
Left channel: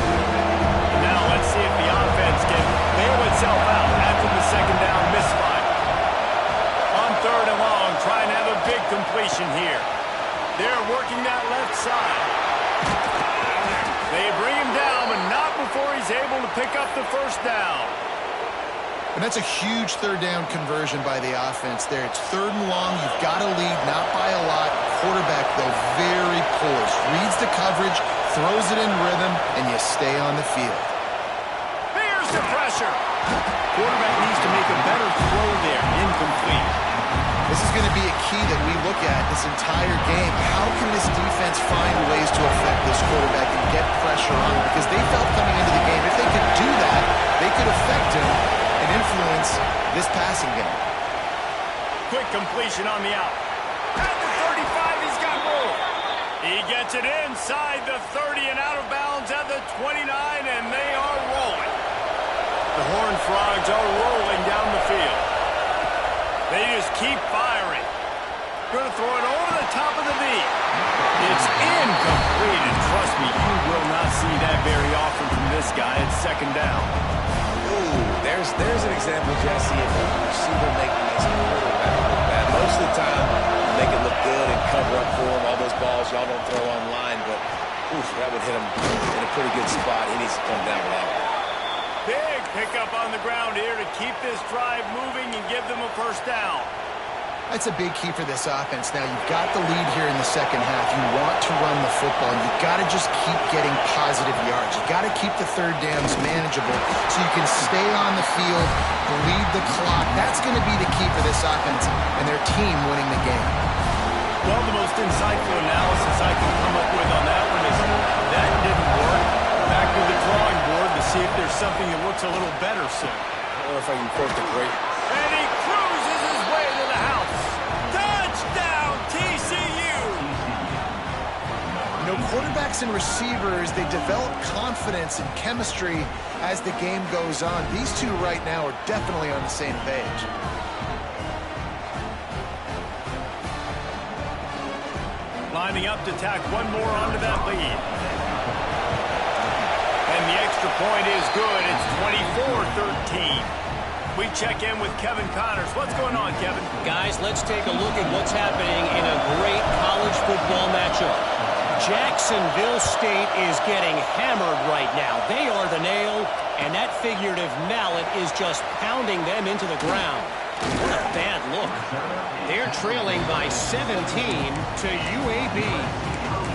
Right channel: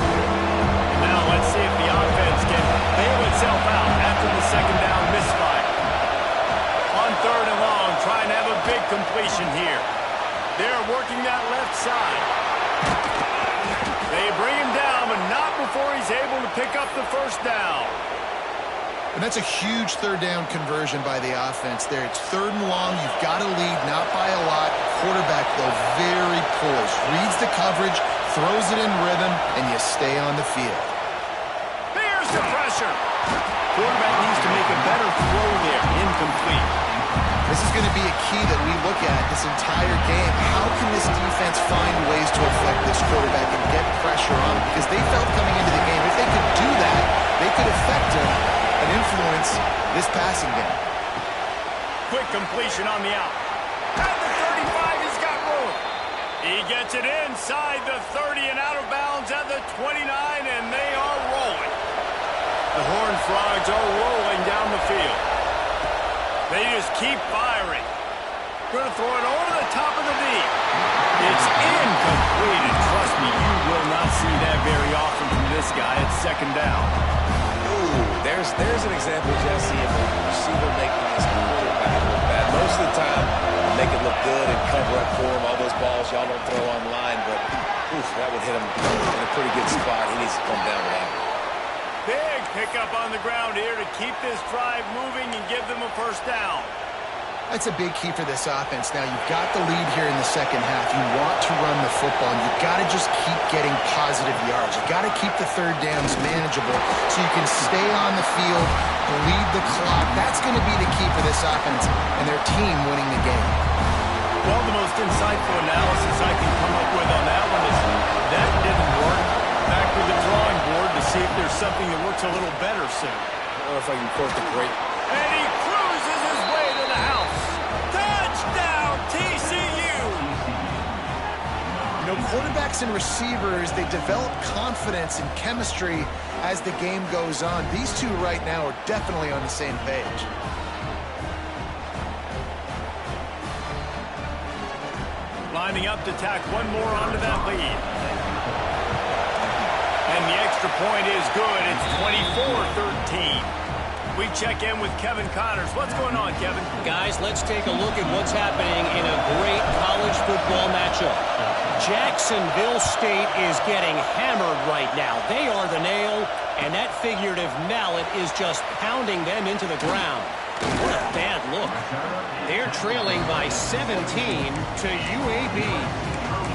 And now let's see if the offense can bail itself out after the second down misfire. On third and long, trying to have a big completion here. They're working that left side. They bring him down, but not before he's able to pick up the first down. And that's a huge third down conversion by the offense there. It's third and long. You've got to lead, not by a lot. Quarterback, though, very poised. Reads the coverage, throws it in rhythm, and you stay on the field. Here's the pressure. Quarterback needs to make a better throw there. Incomplete. This is going to be a key that we look at this entire game. How can this defense find ways to affect this quarterback and get pressure on him? Because they felt coming into the game, if they could do that, they could affect him and influence this passing game. Quick completion on the out. At the 35, he's got room. He gets it inside the 30 and out of bounds at the 29, and they are rolling. The Horned Frogs are rolling down the field. They just keep firing. Going to throw it over the top of the knee. It's incomplete, and trust me, you will not see that very often from this guy at second down. Ooh, there's an example, Jesse, of a receiver making his quarterback look bad. Most of the time, make it look good and cover up for him. All those balls y'all don't throw online, but oof, that would hit him in a pretty good spot. He needs to come down with that one. Big pickup on the ground here to keep this drive moving and give them a first down. That's a big key for this offense. Now, you've got the lead here in the second half. You want to run the football, and you've got to just keep getting positive yards. You've got to keep the third downs manageable so you can stay on the field, bleed the clock. That's going to be the key for this offense and their team winning the game. Well, the most insightful analysis I can come up with on that one is that didn't work. Back to the drawing board to see if there's something that works a little better soon. I don't know if I can quote the great. And he cruises his way to the house. Touchdown, TCU! You know, quarterbacks and receivers, they develop confidence and chemistry as the game goes on. These two right now are definitely on the same page. Lining up to tack one more onto that lead. And the extra point is good. It's 24-13. We check in with Kevin Connors. What's going on, Kevin? Guys, let's take a look at what's happening in a great college football matchup. Jacksonville State is getting hammered right now. They are the nail, and that figurative mallet is just pounding them into the ground. What a bad look. They're trailing by 17 to UAB.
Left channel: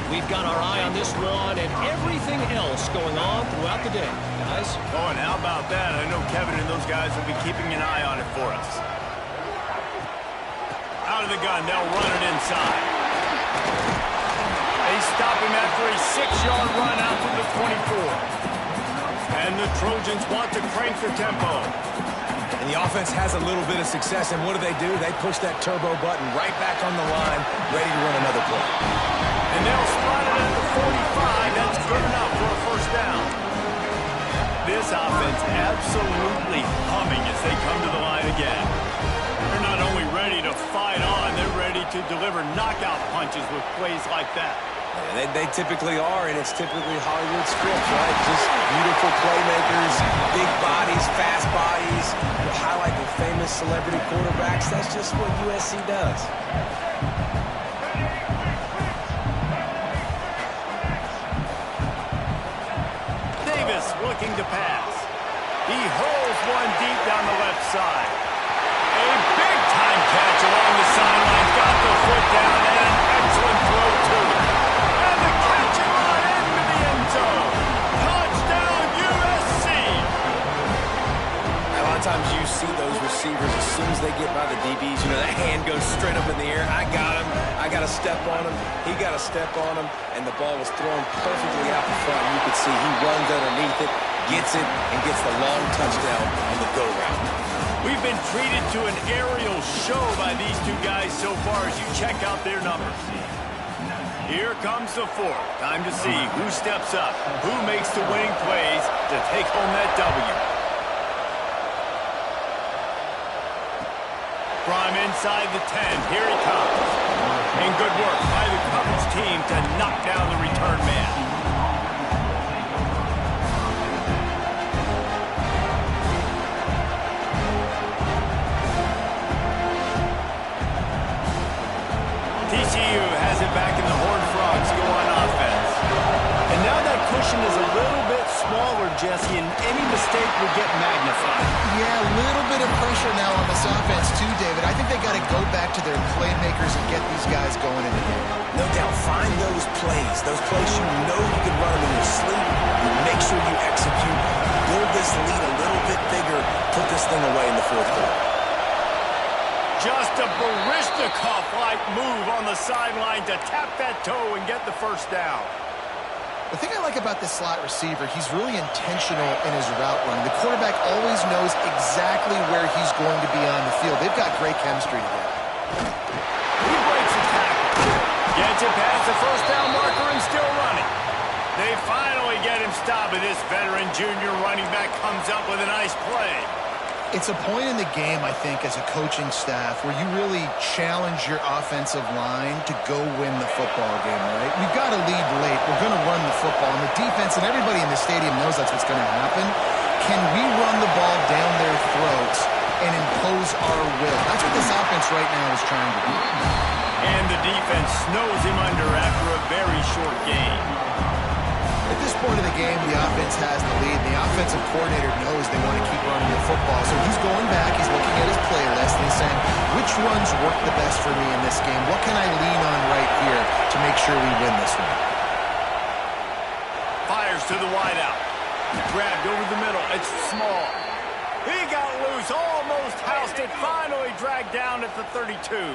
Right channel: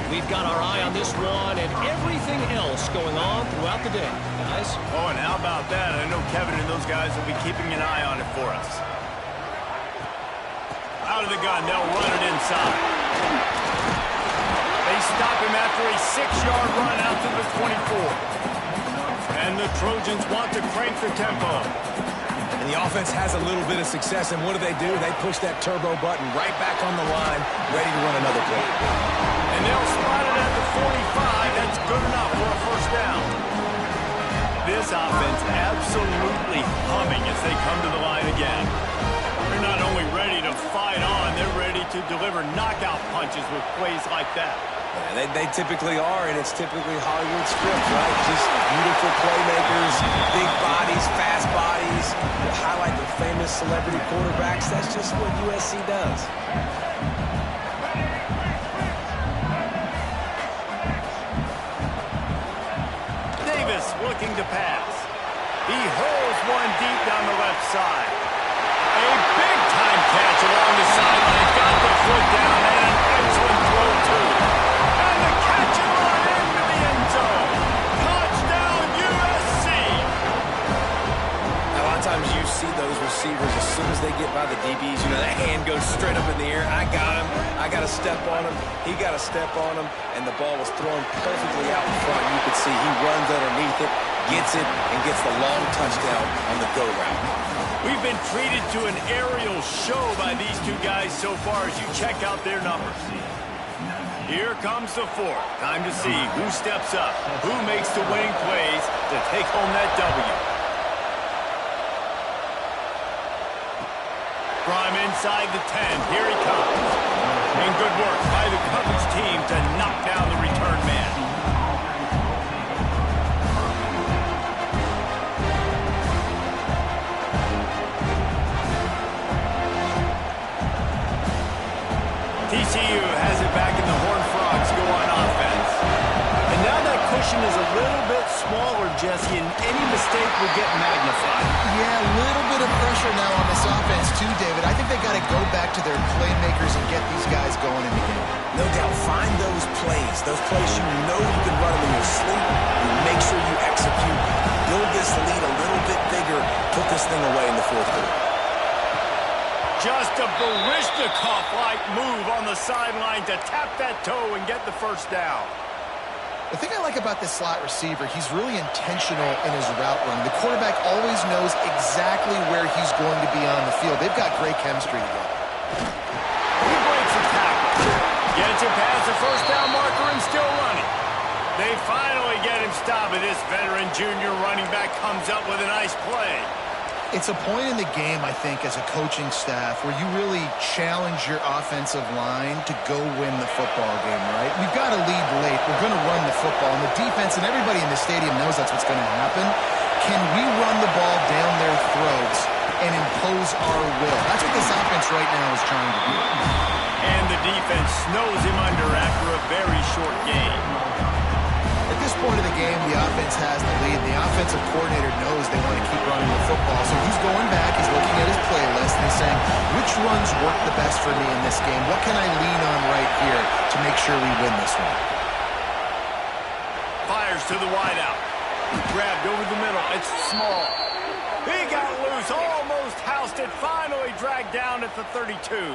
We've got our eye on this one and everything else going on throughout the day, guys. Oh, and how about that? I know Kevin and those guys will be keeping an eye on it for us. Out of the gun, they'll run it inside. They stop him after a 6-yard run out to the 24. And the Trojans want to crank the tempo. And the offense has a little bit of success, and what do? They push that turbo button right back on the line, ready to run another play. And they'll spot it at the 45. That's good enough for a first down. This offense absolutely humming as they come to the line again. They're not only ready to fight on, they're ready to deliver knockout punches with plays like that. Yeah, they typically are, and it's typically Hollywood scripts, right? Just beautiful playmakers, big bodies, fast bodies, highlight the famous celebrity quarterbacks. That's just what USC does. Davis looking to pass. He hurls one deep down the left side. A big-time catch along the sidelines. Got the foot down and an excellent throw, too. And the catch and run into the end zone. Touchdown, USC. A lot of times you see those receivers soon as they get by the DBs, you know, that hand goes straight up in the air. I got him. I got a step on him. He got a step on him, and the ball was thrown perfectly out in front. You could see he runs underneath it, gets it, and gets the long touchdown on the go route. We've been treated to an aerial show by these two guys so far as you check out their numbers. Here comes the fourth. Time to see who steps up, who makes the winning plays to take home that W. From inside the 10, here he comes. And good work by the coverage team to knock down the return man. TCU has it back in the Horned Frogs go on offense. And now that cushion is a little bit smaller, Jesse, and any mistake will get magnified. Yeah, a little bit of pressure now on this offense too, David. I think they got to go back to their playmakers and get these guys going in the game. No doubt, find those plays you know you can run them in your sleep. You make sure you execute, build this lead a little bit bigger, put this thing away in the fourth quarter. Just a Baryshnikov-like move on the sideline to tap that toe and get the first down. The thing I like about this slot receiver, he's really intentional in his route running. The quarterback always knows exactly where he's going to be on the field. They've got great chemistry together. He breaks a tackle. Gets it past the first down marker and still running. They finally get him stopped, and this veteran junior running back comes up with a nice play. It's a point in the game, I think, as a coaching staff where you really challenge your offensive line to go win the football game, right? We've got to lead late. We're going to run the football. And the defense and everybody in the stadium knows that's what's going to happen. Can we run the ball down their throats and impose our will? That's what this offense right now is trying to do. And the defense snows him under after a very short game. At this point of the game, the offense has the lead. The offensive coordinator knows they want to keep running the football. So he's going back, he's looking at his playlist, and he's saying, which runs work the best for me in this game? What can I lean on right here to make sure we win this one? Fires to the wideout. Grabbed over the middle. It's small. He got loose, almost housed it, finally dragged down at the 32.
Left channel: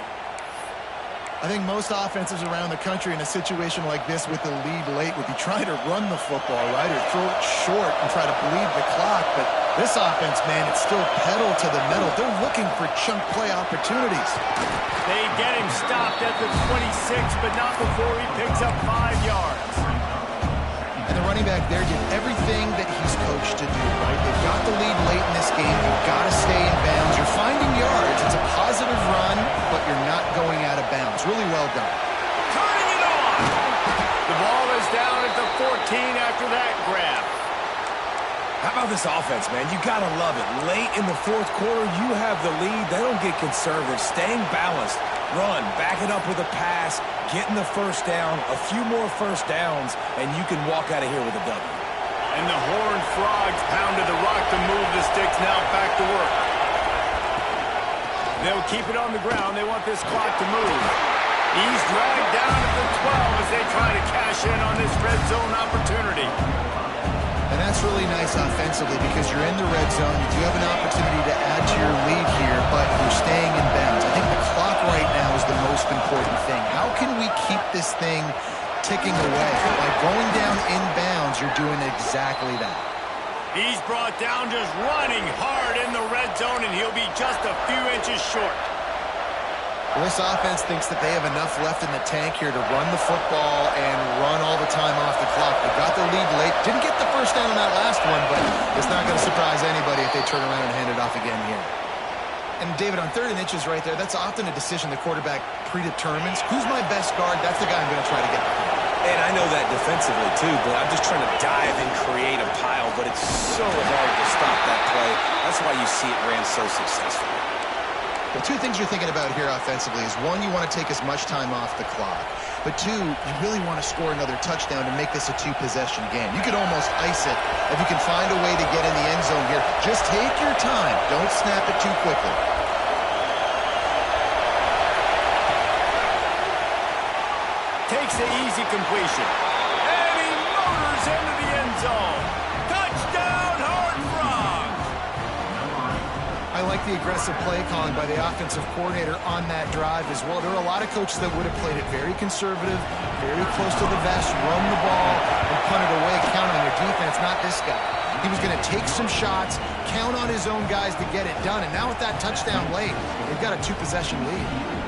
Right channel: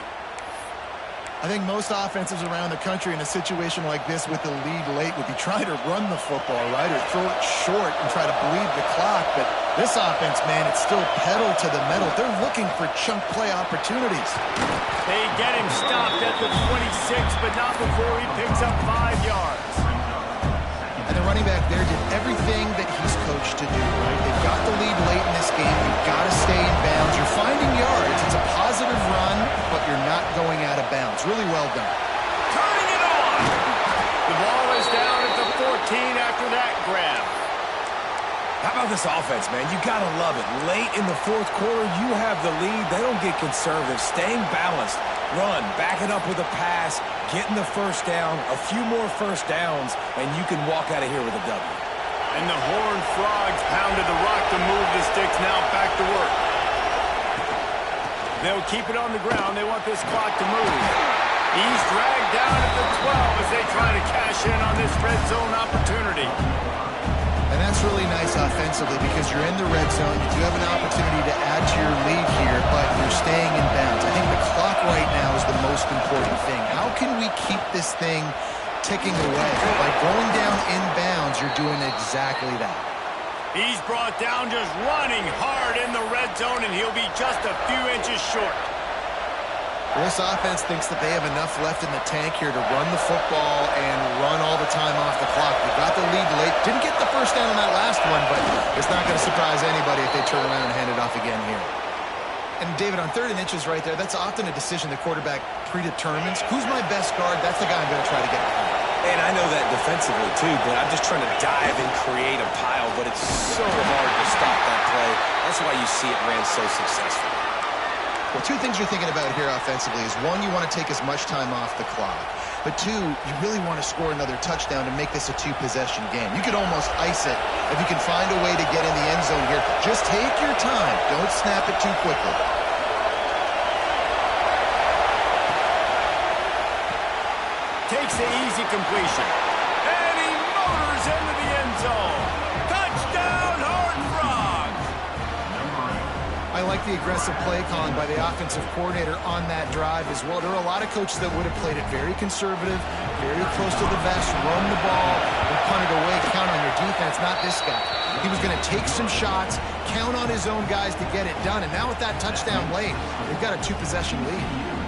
I think most offenses around the country in a situation like this with the lead late would be trying to run the football, right, or throw it short and try to bleed the clock. But this offense, man, it's still pedal to the metal. They're looking for chunk play opportunities. They get him stopped at the 26, but not before he picks up 5 yards. And the running back there did everything that he's coached to do, right? They've got the lead late in this game. You've got to stay in bounds. You're finding yards. It's a positive run, but you're not going out of bounds. Really well done. Turning it on. The ball is down at the 14 after that grab. How about this offense, man? You got to love it. Late in the fourth quarter, you have the lead. They don't get conservative. Staying balanced. Run, back it up with a pass, getting the first down, a few more first downs, and you can walk out of here with a W. And the Horned Frogs pounded the rock to move the sticks, now back to work. They'll keep it on the ground. They want this clock to move. He's dragged down at the 12 as they try to cash in on this red zone opportunity. And that's really nice offensively because you're in the red zone. You do have an opportunity to add to your lead here, but you're staying in bounds. I think the clock right now is the most important thing. How can we keep this thing ticking away? By going down in bounds, you're doing exactly that. He's brought down just running hard in the red zone, and he'll be just a few inches short. This offense thinks that they have enough left in the tank here to run the football and run all the time off the clock. They got the lead late. Didn't get the first down on that last one, but it's not going to surprise anybody if they turn around and hand it off again here. And, David, on 3rd and inches right there, that's often a decision the quarterback predetermines. Who's my best guard? That's the guy I'm going to try to get behind. And I know that defensively, too, but I'm just trying to dive and create a pile, but it's so hard to stop that play. That's why you see it ran so successfully. Well, 2 things you're thinking about here offensively is, 1, you want to take as much time off the clock. But 2, you really want to score another touchdown to make this a 2-possession game. You could almost ice it if you can find a way to get in the end zone here. Just take your time. Don't snap it too quickly. Takes the easy completion. And he motors into the end zone. Touchdown, Horned Frogs! I like the aggressive play calling by the offensive coordinator on that drive as well. There are a lot of coaches that would have played it very conservative, very close to the vest, run the ball, and punt it away, count on your defense. Not this guy. He was going to take some shots, count on his own guys to get it done. And now with that touchdown late, they've got a 2-possession lead.